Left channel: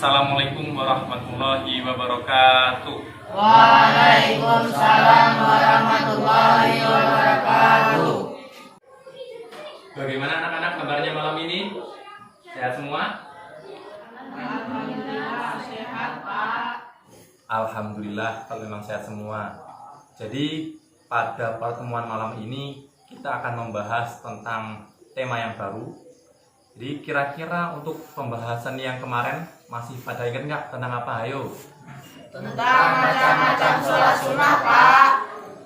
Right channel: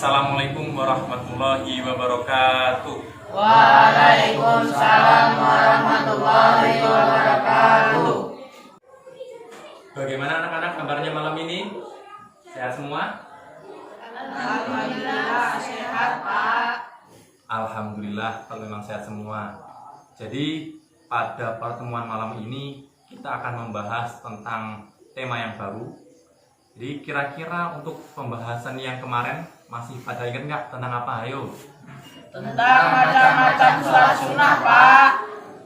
Assalamualaikum warahmatullahi wabarakatuh. Waalaikumsalam warahmatullahi wabarakatuh. Bagaimana anak-anak kabarnya malam ini? Sehat semua? Alhamdulillah sehat, Pak. Alhamdulillah kalau memang sehat semua. Jadi pada pertemuan malam ini kita akan membahas tentang tema yang baru. Jadi kira-kira untuk pembahasan yang kemarin masih pada ingat nggak tentang apa? Ayo. Tentang macam-macam sholat sunnah, Pak.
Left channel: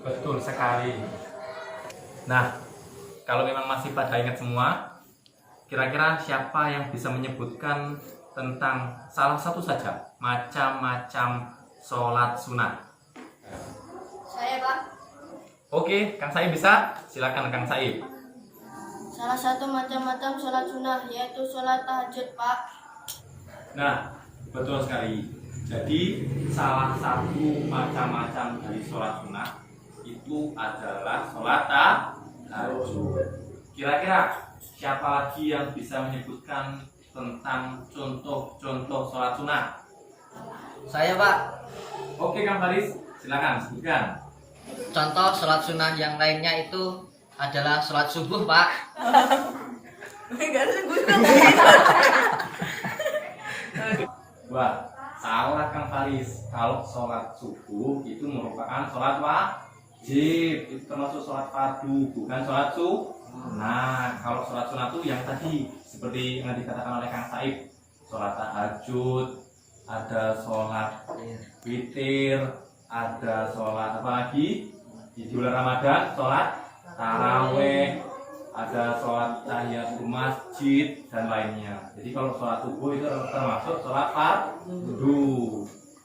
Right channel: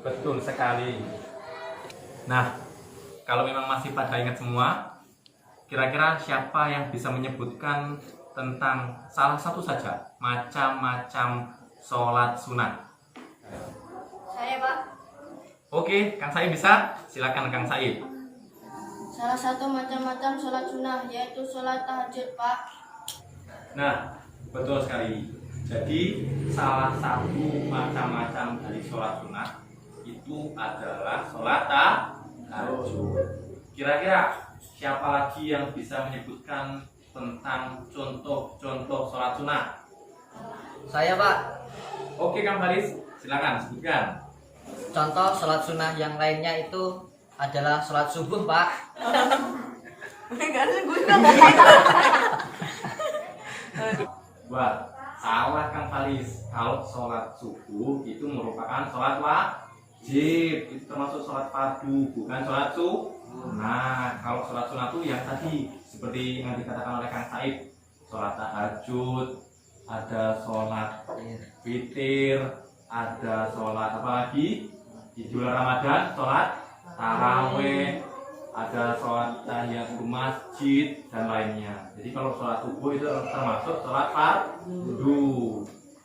Betul sekali. Nah, kalau memang masih pada ingat semua, kira-kira siapa yang bisa menyebutkan tentang salah satu saja macam-macam sholat sunnah? Saya, Pak. Oke, Kang Saib bisa? Silakan Kang Saib. Salah satu macam-macam sholat sunnah yaitu sholat tahajud, Pak. Nah, betul sekali. Jadi salah satu macam-macam dari sholat sunnah itu adalah sholat tahajud. Kira-kira siapa lagi yang bisa menyebutkan tentang contoh-contoh sholat sunnah? Saya, Pak. Oke, Kang Faris, silakan sebutkan. Contoh sholat sunnah yang lainnya itu adalah sholat subuh, Pak. Wah, salah Kang Faris. Kalau sholat subuh itu merupakan sholat wajib, itu termasuk sholat fardu, bukan sholat sunnah. Kalau sholat sunnah itu yang tadi seperti yang dikatakan oleh Kang Said, sholat tahajud, ada sholat witir, ada sholat apa lagi di bulan Ramadan, sholat taraweh, ada sholat tahiyatul masjid dan lainnya. Jadi kalau sholat subuh itu termasuk sholat fardu.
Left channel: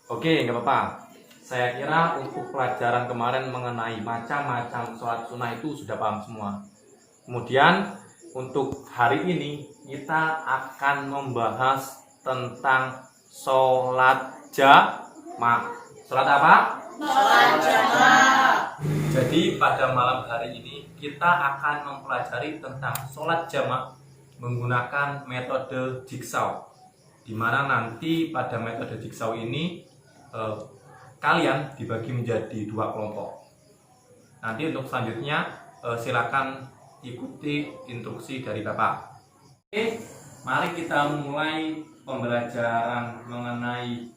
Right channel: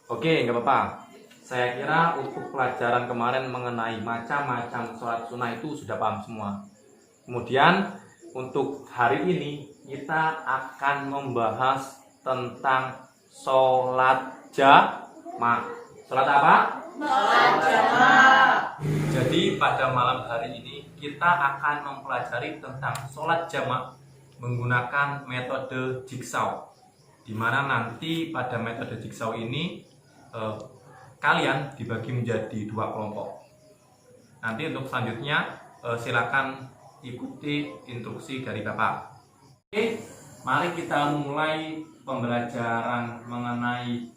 Oke, nggak apa-apa. Saya kira untuk pelajaran kemarin mengenai macam-macam sholat sunnah itu sudah paham semua. Kemudian untuk hari ini kita akan membahas tentang sholat jamaah. Sholat apa? Sholat jamaah. Jadi pada malam hari ini kita akan mempelajari tentang sholat jamaah menggunakan metode jigsaw, di mana nanti pada metode jigsaw ini kalian dibagi menjadi dua kelompok. Nanti untuk selanjutnya silakan ikuti instruksi dari Bapak. Oke, mari kita mulai pembelajaran mengenai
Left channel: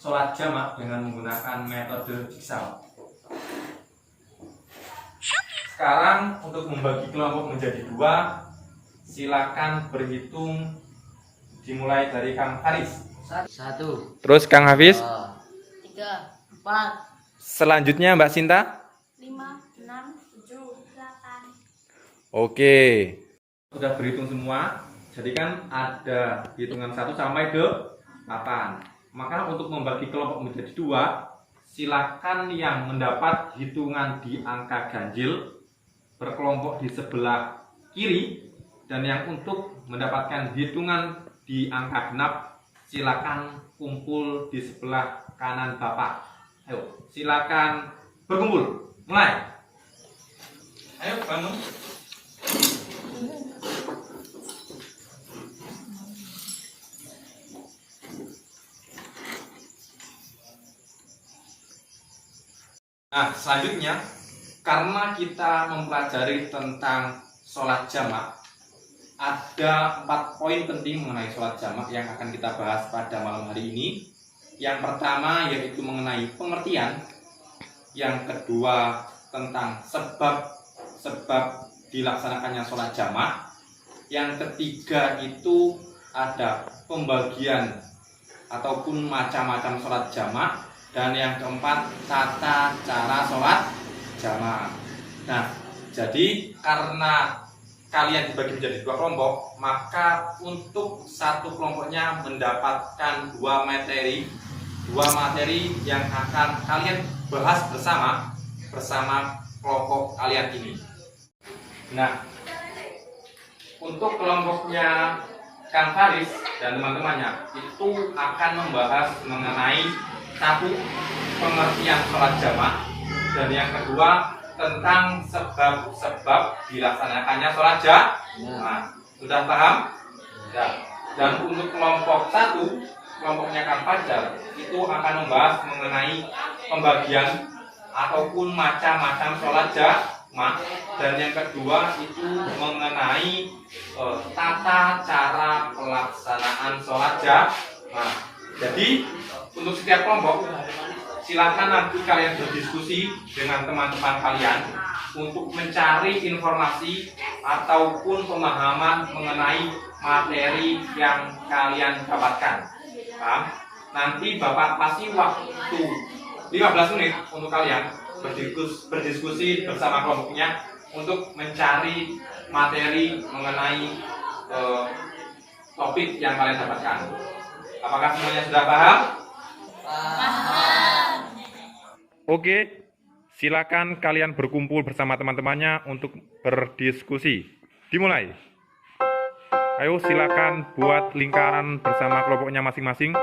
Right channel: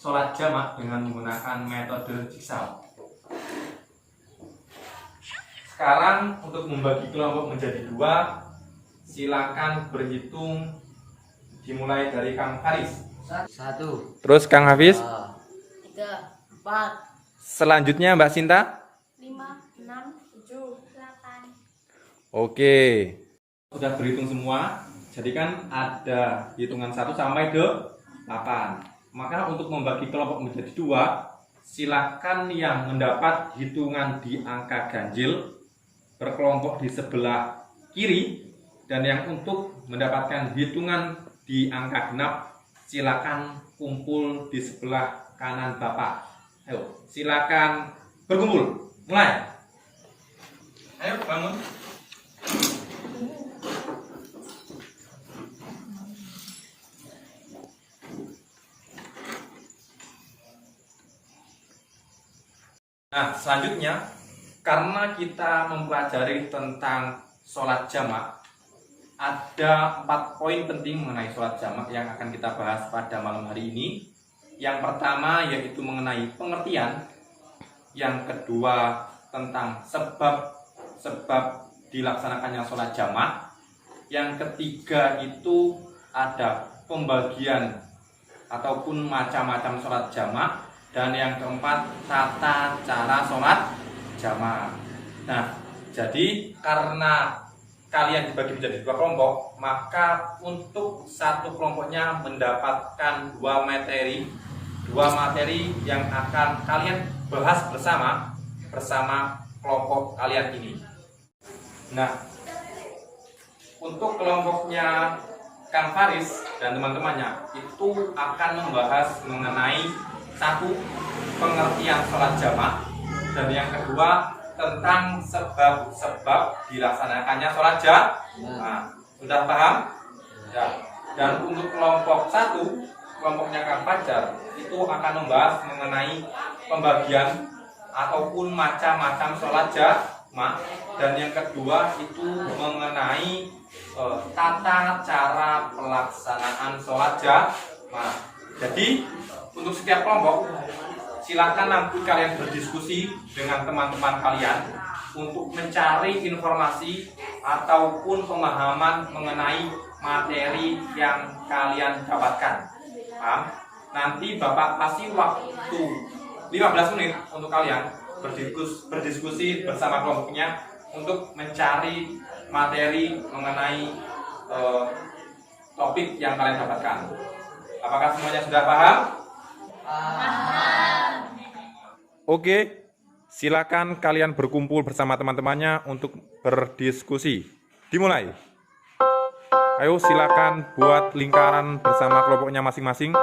sholat jamaah dengan menggunakan metode jigsaw. Sekarang untuk membagi kelompok menjadi dua, silakan berhitung dimulai dari Kang Haris. 1, Terus Kang Hafiz. 3, 4, Selanjutnya Mbak Sinta. 5, 6, 7, 8. Oke. Sudah berhitung semua. Jadi kan ada hitungan 1 sampai 8. Maka untuk membagi kelompok menjadi dua, silakan yang mendapat hitungan di angka ganjil berkelompok di sebelah kiri, dan yang untuk mendapatkan hitungan di angka genap silakan kumpul di sebelah kanan Bapak. Ayo, silakan berkumpul. Mulai. Ayo bangun. Nah, selanjutnya karena kita mempelajari tentang sholat jamaah, ada 4 poin penting mengenai sholat jamaah yang akan kita bahas pada malam hari ini. Yang pertama yaitu mengenai pengertian, yang kedua tentang sebab dilaksanakannya sholat jamaah, yang ketiga itu ada pembagian ataupun macam-macam sholat jamaah, dan yang keempat tata cara sholat jamaah. Nah, jadi karena kalian dibagi menjadi dua kelompok, maka untuk satu kelompoknya mendapatkan dua materi yang akan kalian bahas bersama kelompok kalian ini. Nah, untuk kelompoknya Kang Faris dan teman-temannya itu akan membahas mengenai 1, pengertian sholat jamaah, dan yang kedua tentang sebab-sebab dilaksanakannya sholat jamaah. Sudah paham? Ya. Dan untuk kelompok 1 kelompoknya Kang Fajar itu akan membahas mengenai pembagian ataupun macam-macam sholat jamaah, dan yang kedua itu mengenai tata cara pelaksanaan sholat jamaah. Jadi untuk setiap kelompok silakan nanti kalian berdiskusi dengan teman-teman kalian untuk mencari informasi ataupun pemahaman mengenai materi yang kalian dapatkan. Nanti Bapak kasih waktu 15 menit untuk kalian berdiskusi bersama kelompoknya untuk mencari materi mengenai topik yang kalian dapatkan. Apakah semuanya sudah paham? Oke, silakan kalian berkumpul bersama teman-temannya untuk berdiskusi. Dimulai. Ayo silakan buat lingkaran bersama kelompoknya masing-masing.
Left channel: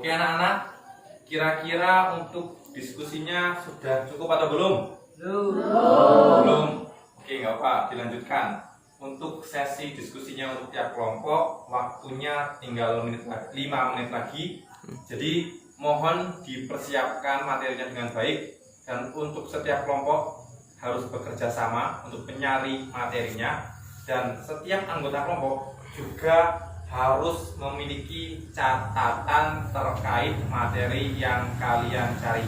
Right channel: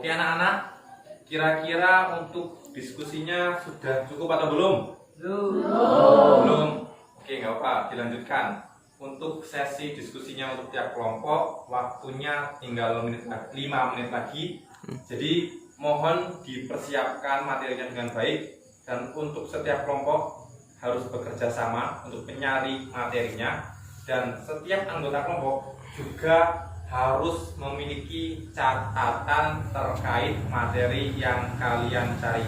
Oke anak-anak, kira-kira untuk diskusinya sudah cukup atau belum? Belum. Oke, nggak apa, dilanjutkan. Untuk sesi diskusinya untuk tiap kelompok, waktunya tinggal 5 menit lagi. Jadi mohon dipersiapkan materinya dengan baik, dan untuk setiap kelompok harus bekerja sama untuk mencari materinya, dan setiap anggota kelompok juga harus memiliki catatan terkait materi yang kalian cari.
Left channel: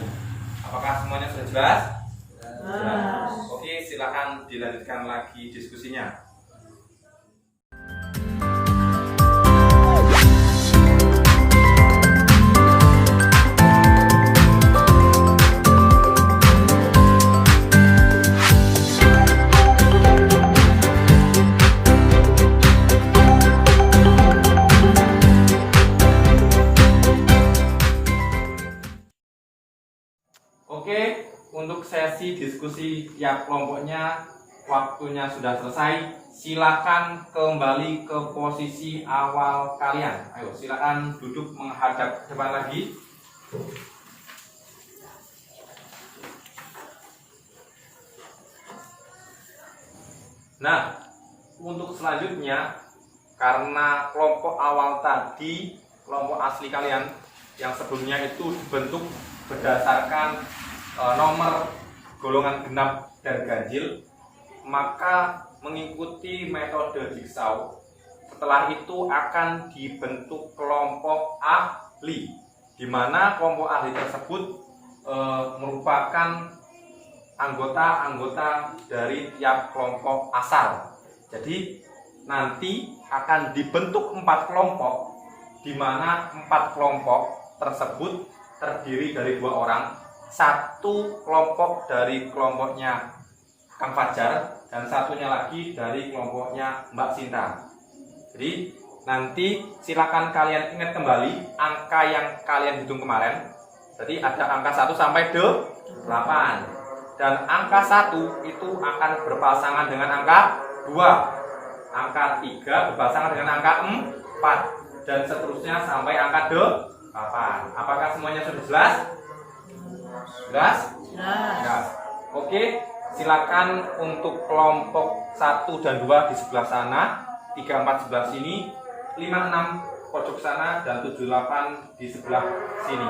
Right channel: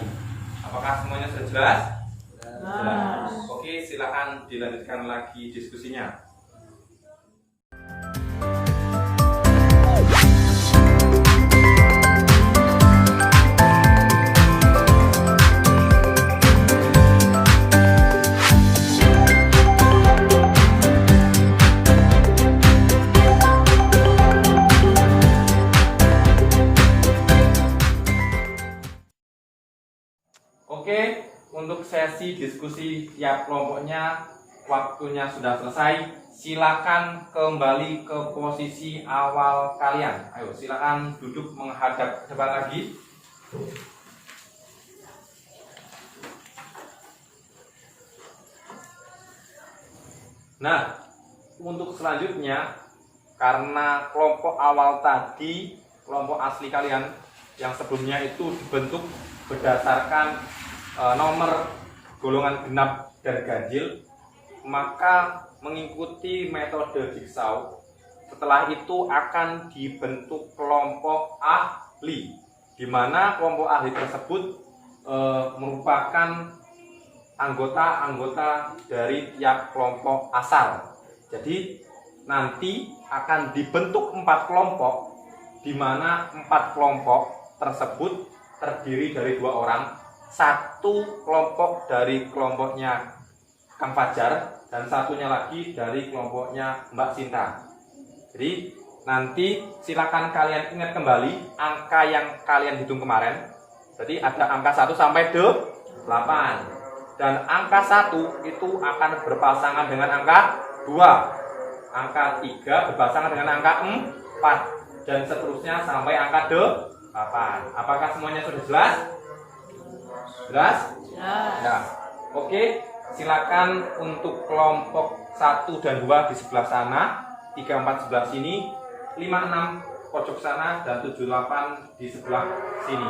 Apakah semuanya sudah jelas? Jelas. Oke, silakan dilanjutkan lagi diskusinya. Oke, untuk sesi diskusi tiap kelompoknya waktunya sudah selesai. Silakan kembali ke posisi awal kalian. Ayo, silakan duduk menghadap ke depan lagi. Nah, untuk selanjutnya, karena kelompok awal tadi, kelompok asli kalian yang sebelumnya itu dibentuk berdasarkan nomor golongan genap dan ganjil, maka mengikuti metode jigsaw. Setelah itu akan dibentuk kelompok ahli, di mana kelompok ahli tersebut merupakan anggota-anggota dari tiap kelompok asal. Jadi nanti akan dibentuk 4 kelompok, di mana 4 kelompok tersebut terdiri dari 2 orang. 1 kelompok dari kelompoknya Kang Fajar, dan satunya lagi dari kelompoknya Mbak Sinta. Jadi nanti silakan kalian ingat kembali angka yang kalian hitung kemarin. Jadi ada angka 1 sampai 8, dan angka 1 itu akan berpasangan dengan angka 2, angka 3 berpasangan dengan angka 4, dan seterusnya sampai angka 8. Apakah semuanya sudah jelas? Jelas? Ya. Oke, silakan untuk kelompok 1 dan 2 di sebelah sana, 3, 4 sebelah sini, 5, 6 pojok sana, dan 7, 8 di sebelah sini.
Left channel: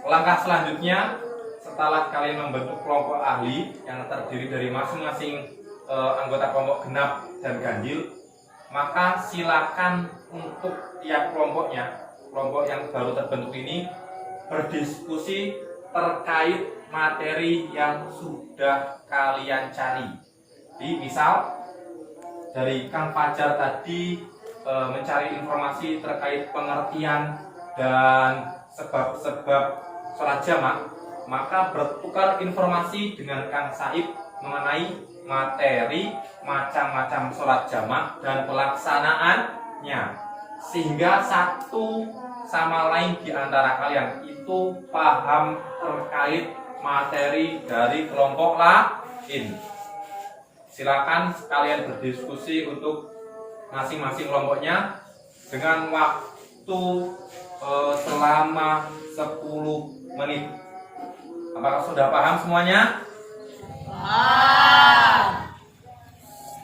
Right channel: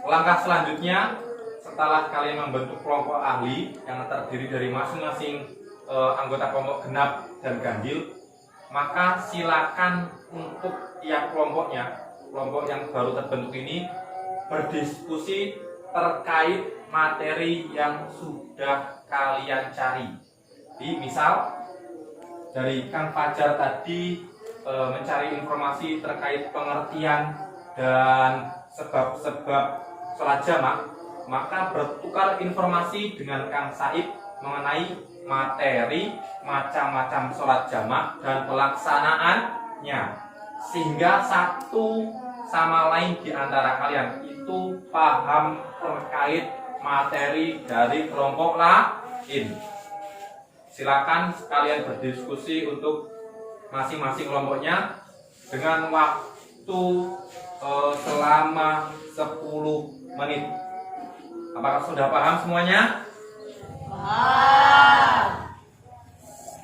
Langkah selanjutnya, setelah kalian membentuk kelompok ahli yang terdiri dari masing-masing anggota kelompok genap dan ganjil, maka silakan untuk tiap kelompoknya, kelompok yang baru terbentuk ini berdiskusi terkait materi yang sudah kalian cari. Jadi misal dari Kang Fajar tadi mencari informasi terkait pengertian dan sebab-sebab sholat jamak, maka bertukar informasi dengan Kang Saib mengenai materi macam-macam sholat jamak dan pelaksanaannya, sehingga satu sama lain di antara kalian itu paham terkait materi dari kelompok lain. Silakan kalian berdiskusi untuk masing-masing kelompoknya dengan waktu selama 10 menit. Apakah sudah paham semuanya?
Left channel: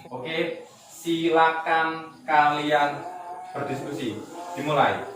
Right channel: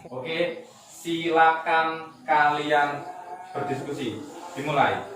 Oke, silakan kalian berdiskusi. Dimulai.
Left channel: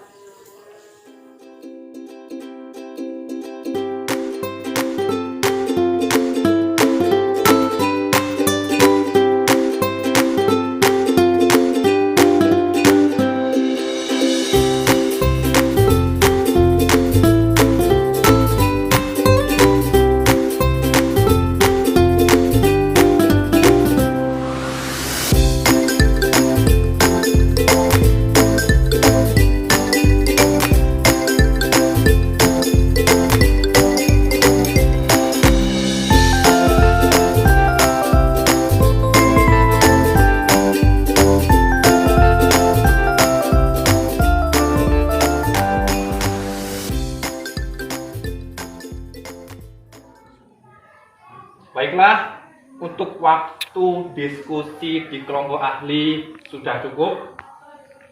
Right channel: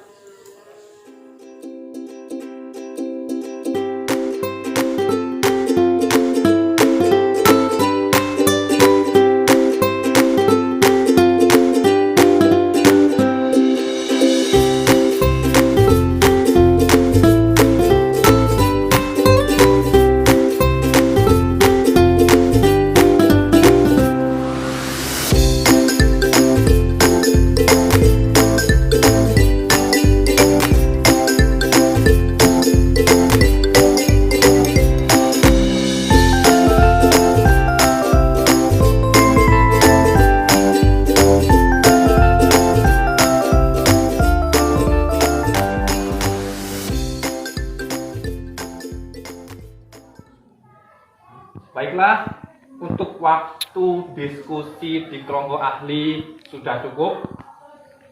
Baiklah, untuk waktu diskusi di kelompok ahli sudah cukup.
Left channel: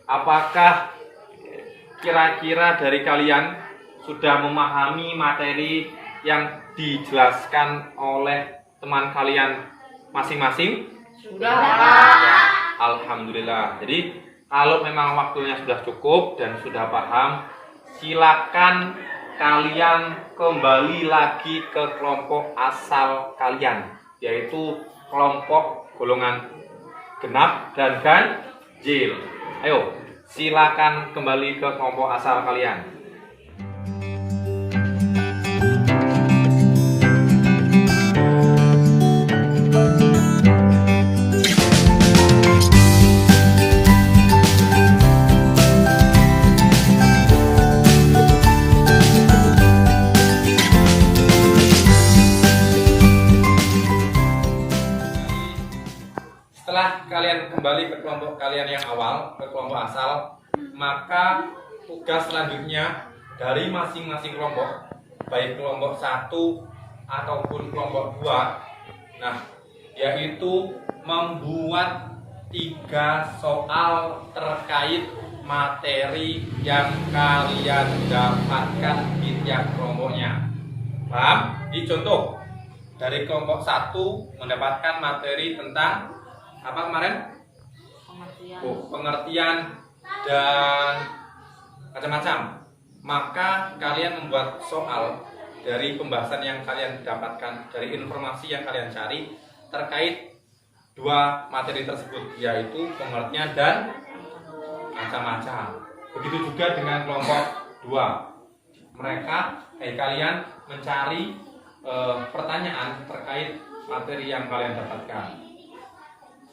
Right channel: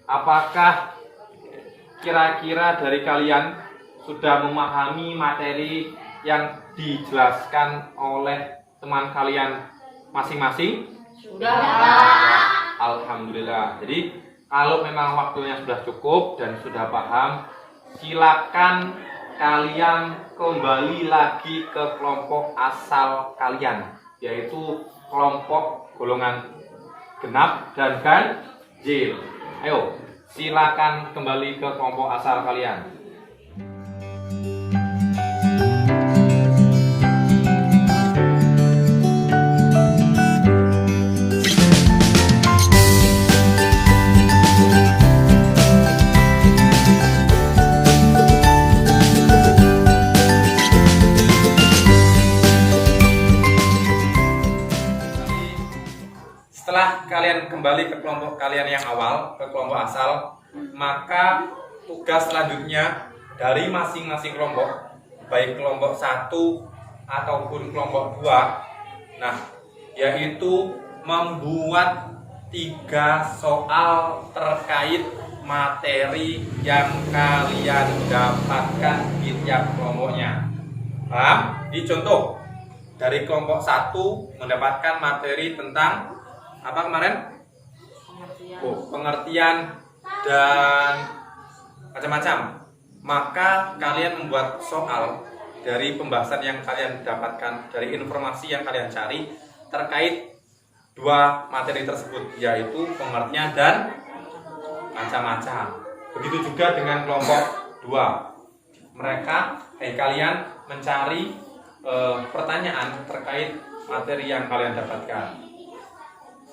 Apakah kira-kira dari kalian sudah memahami materi yang dijelaskan oleh teman kalian masing-masing? Sudah, Pak. Alhamdulillah. Jadi kalau memang waktunya sudah cukup dan sudah paham, silakan kalian kembali lagi ke kelompok asal kalian, yaitu kelompok golongan genap dan ganjil. Ayo, silakan kembali ke kelompok asal kalian. Setelah kalian kembali ke kelompok kalian yang awal, ke kelompok asal, maka tugas selanjutnya dari masing-masing kelompok, baik kelompok 1 ataupun kelompok 2, nah, yaitu membuat 3 soal terkait materi yang kalian dapatkan di tiap kelompoknya. Paham? Ini contoh dari kelompok 1 mendapatkan materi tentang apa kemarin? Pengertian dan macam-macam. Maka kalian membuat soal dari pembahasan yang kalian dapatkan, dari informasi yang kalian cari terkait 2 materi tersebut, yaitu pengertian dan macam-macam. Begitu juga dengan kelompok 2. Kalian mencari pertanyaan terkait materi yang kalian dapatkan.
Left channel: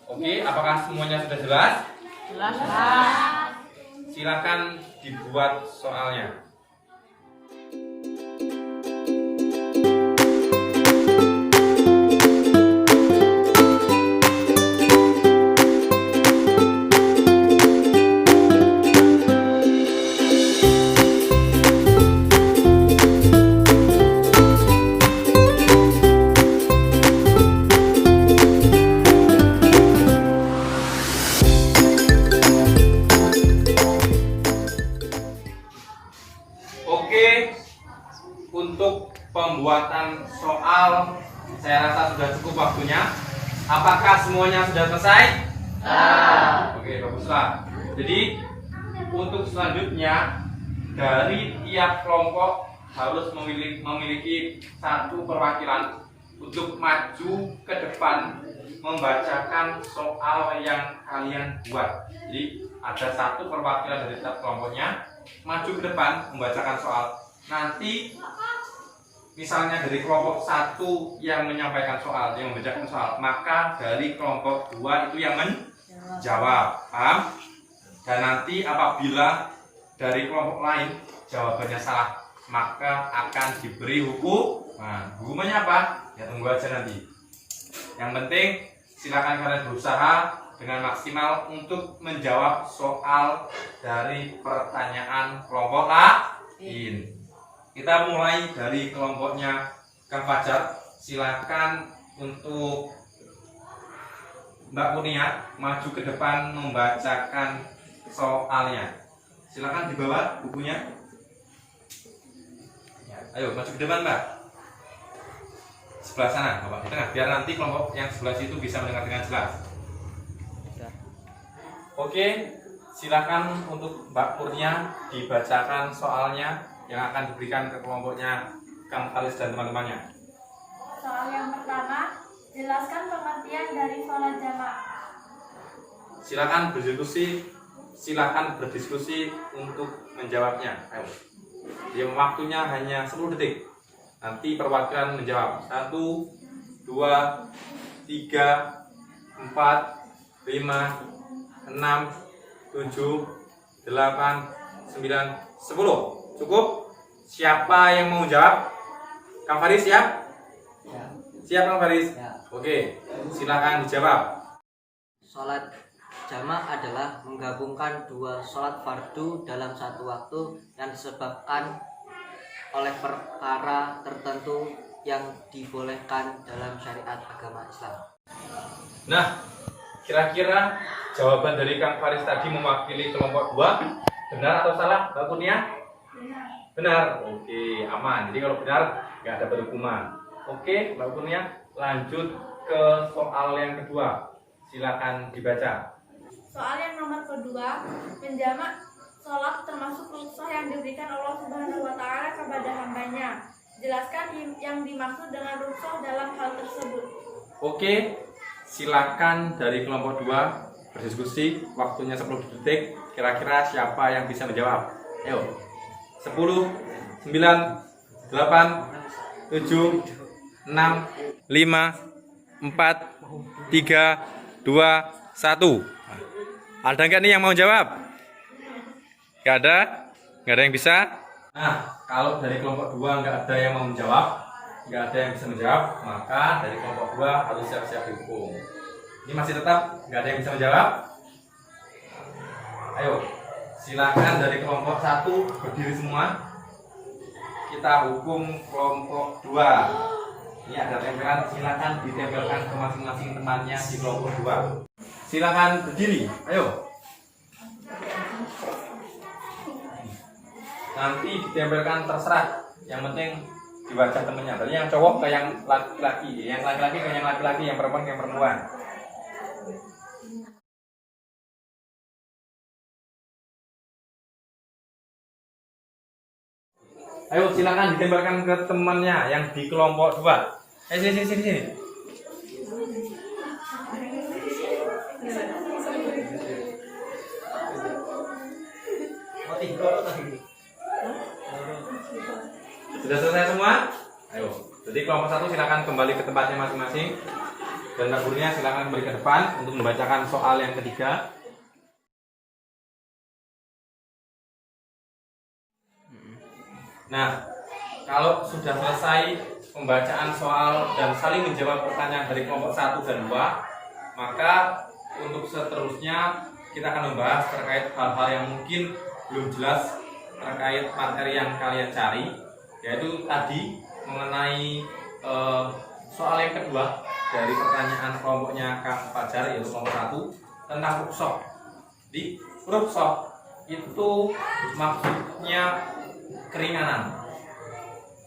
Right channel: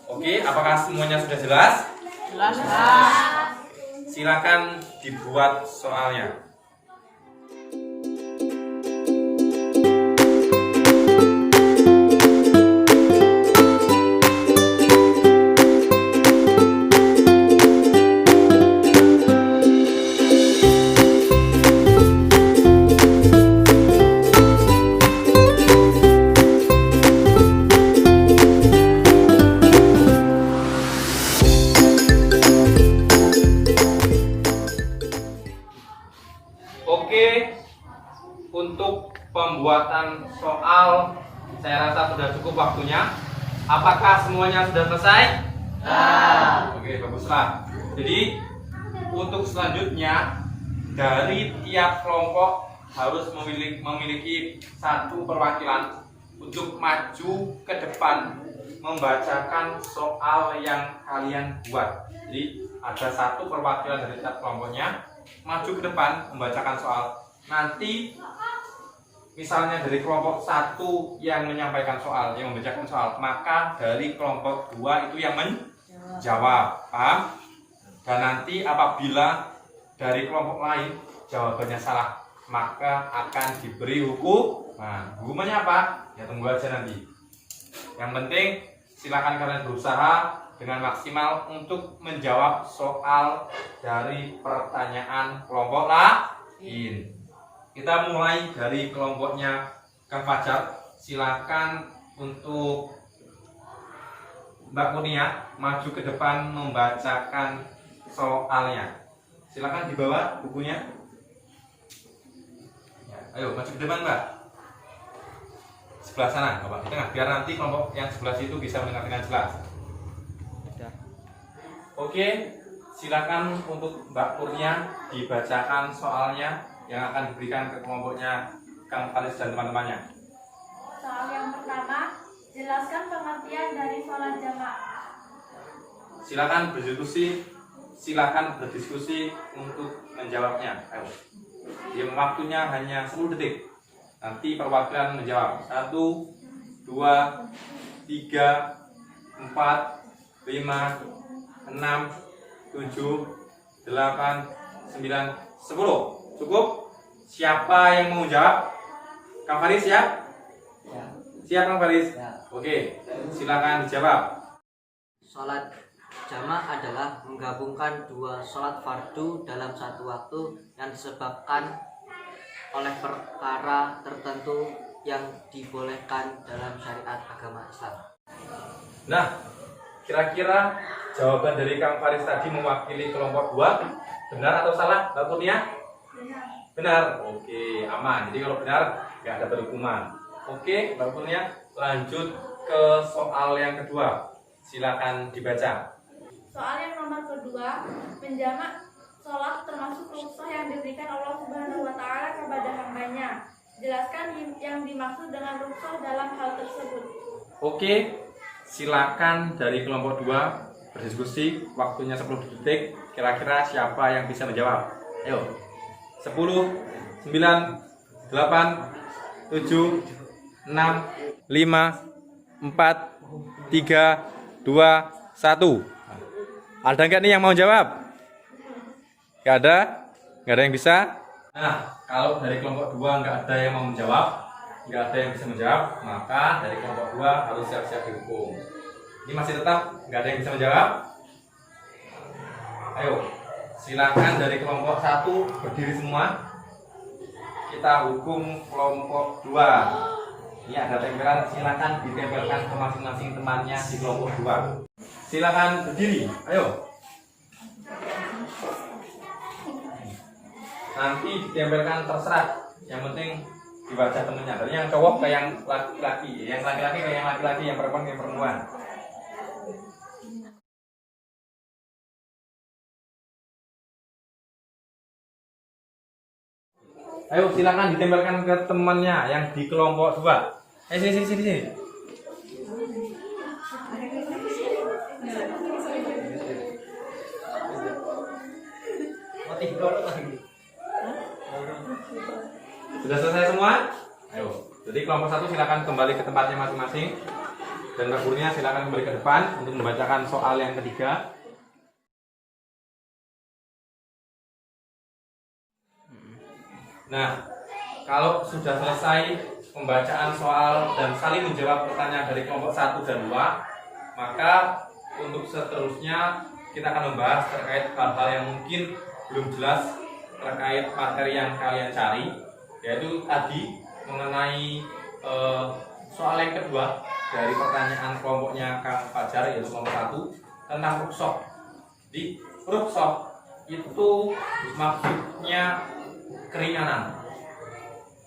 Oke, apakah semuanya sudah jelas? Jelas, Pak. Silakan dibuat soalnya. Oke, untuk pembuatan soal saya rasa sudah cukup waktunya. Apakah semuanya sudah selesai? Oke, baguslah. Jadi untuk selanjutnya dari tiap kelompok harus memiliki satu perwakilan untuk maju ke depan membacakan soal yang kalian buat. Jadi ada satu perwakilan dari tiap kelompoknya maju ke depan membacakan soal. Nanti misalnya dari kelompok 1 yang menyampaikan soal, yang membacakan soal, maka dari kelompok 2 itu yang menjawab, paham? Dan nanti apabila dari kelompok lain jawabannya salah, maka akan diberi hukuman. Hukumannya apa? Ya tunggu aja nanti. Yang penting silakan kalian berusaha dengan maksimal untuk menjawab soal dari pertanyaan kelompok lain. Kita mulai dari kelompoknya Kang Fajar. Silakan untuk Mbak Kurnia maju ke depan membacakan soalnya. Silakan dibawa bukunya. Ya, ayo maju ke depan, Mbak. Sebelah sana, Bapak, di tengah, biar nanti kelompok yang sebelah situ bisa mendengar dengan jelas. Oke, silakan untuk Mbak Kurnia dibacakan soalnya yang akan diberikan ke kelompoknya Kang Faris dan teman-temannya. Soal yang pertama, jelaskan pengertian dari sholat jamaah. Silakan berdiskusi untuk menjawabnya. Ayo. Yang waktunya hanya 10 detik. Nanti perwakilan menjawab. 1, 2, 3, 4, 5, 6, 7, 8, 9, 10. Cukup? Siapa yang mau jawab? Kang Faris siap? Siap Kang Faris? Oke, silakan dijawab. Sholat jamak adalah menggabungkan dua sholat fardu dalam satu waktu yang disebabkan oleh perkara tertentu yang dibolehkan dalam syariat agama Islam. Nah, kira-kira jawaban dari Kang Faris tadi mewakili kelompok 2 benar atau salah, Mbak Kurnia? Benar. Oke, aman. Jadi kalau benar nggak ada hukuman. Oke, Mbak Kurnia, lanjut ke soal yang kedua. Silakan dibaca. Soal yang nomor kedua, menjamak sholat termasuk rukhsah yang diberikan Allah Subhanahu wa Ta'ala kepada hambanya. Jelaskan yang dimaksud dengan rukhsah dalam hal tersebut. Oke, silakan dari kelompok 2 berdiskusi. Waktunya 10 detik. Kira-kira siapa yang bisa menjawab? Ayo. 10, 9, 8, 7, 6, 5, 4, 3, 2, 1. Ada nggak nih yang mau jawab? Nggak ada? Nggak ada yang bisa? Nah, kalau dari kelompok 2 nggak ada yang mau menjawab, nggak ada yang bisa menjawab, maka dari kelompok 2 harus siap-siap dihukum. Ini masih tetap nggak ada yang bisa menjawab? Ayo, silakan dari kelompok 1 berdiri semua. Kita hukum kelompok 2. Ini ada tempelan, silakan ditempelkan ke masing-masing temannya di kelompok 2. Silakan berdiri, ayo. Nanti ditempelkan terserah, yang penting di wajah temennya. Tadi yang cowok ke yang laki-laki, yang laki-laki ke yang laki-laki, yang perempuan ke yang perempuan. Ayo silakan ditempelkan ke temannya yang di kelompok 2. Sini. Sudah selesai semua? Ayo. Jadi kelompok 1 silakan kembali ke tempatnya masing-masing. Dan Mbak Kurnia silakan kembali ke depan untuk membacakan soal yang ketiga. Nah, kalau sudah selesai pembacaan soal dan saling menjawab pertanyaan dari kelompok 1 dan 2, maka untuk seterusnya kita akan membahas terkait hal-hal yang mungkin belum jelas terkait materi yang kalian cari, yaitu tadi mengenai soal yang kedua dari pertanyaan kelompoknya Kang Fajar, yaitu kelompok 1 tentang rukhsah. Di rukhsah itu maksudnya keringanan.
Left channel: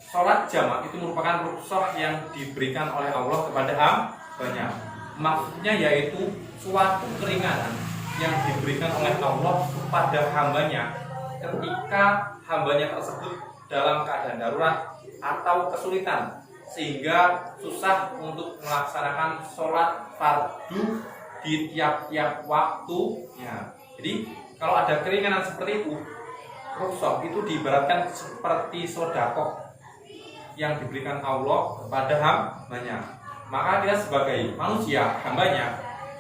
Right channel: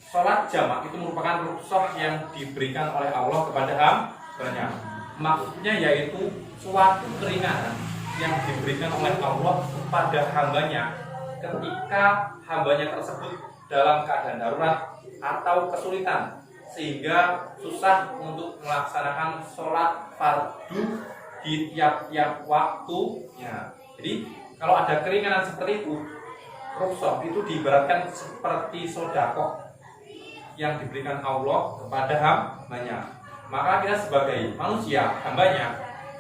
Sholat jamak itu merupakan rukhsah yang diberikan oleh Allah kepada hambanya. Maksudnya yaitu suatu keringanan yang diberikan oleh Allah kepada hambanya ketika hambanya tersebut dalam keadaan darurat atau kesulitan sehingga susah untuk melaksanakan sholat fardu di tiap-tiap waktunya. Jadi kalau ada keringanan seperti itu, rukhsah itu diibaratkan seperti sodakoh yang diberikan Allah kepada hambanya. Maka kita sebagai manusia, hambanya,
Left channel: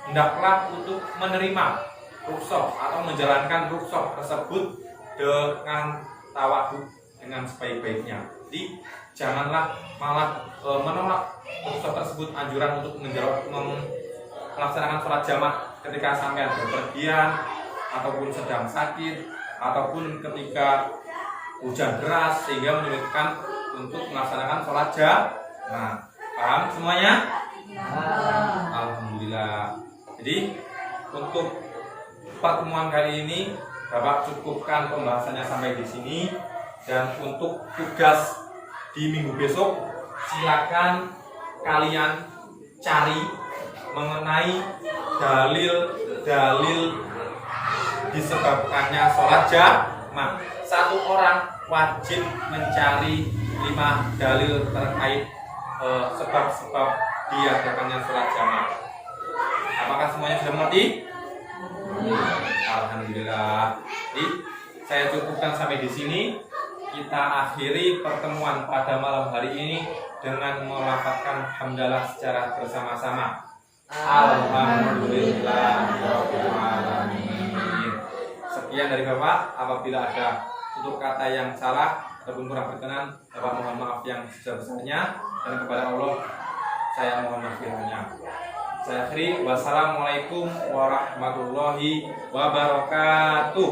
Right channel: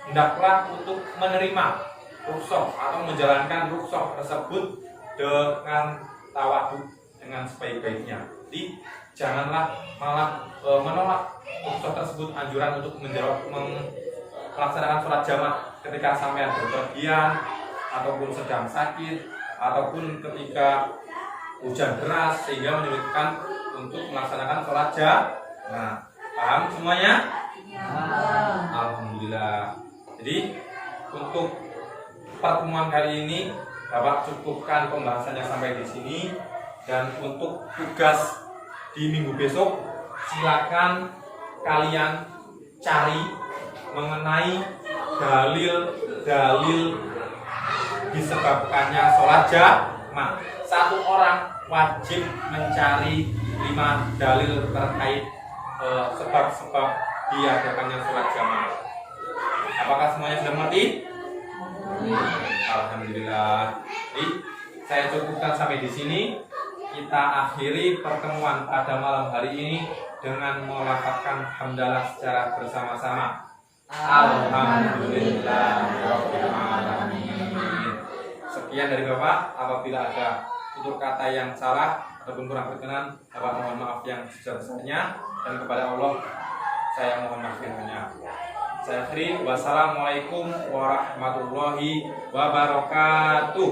hendaklah untuk menerima rukhsah atau menjalankan rukhsah tersebut dengan tawadhu, dengan sebaik-baiknya. Jadi janganlah malah menolak rukhsah tersebut, anjuran untuk melaksanakan sholat jamaah ketika sampean berpergian ataupun sedang sakit ataupun ketika hujan deras sehingga menyulitkan untuk melaksanakan sholat jamaah. Paham semuanya? Alhamdulillah. Jadi untuk pertemuan kali ini Bapak cukupkan pembahasannya sampai di sini, dan untuk tugas di minggu besok silakan kalian cari mengenai dalil-dalil disebabkannya sholat jamaah. Satu orang wajib mencari 5 dalil terkait sebab-sebab diadakannya sholat jamaah. Apakah semuanya sudah mengerti? Alhamdulillah. Jadi saya cukupkan sampai di sini. Kita akhiri pertemuan pada malam hari ini dengan melafadzkan hamdalah secara bersama-sama. Alhamdulillahirobbilalamin. Sekian dari Bapak. Apabila ada tutur kata yang salah ataupun kurang berkenan, Bapak mohon maaf yang sebesar-besarnya, dan kepada Allah saya mohon maafnya. Saya akhiri. Wassalamualaikum warahmatullahi wabarakatuh.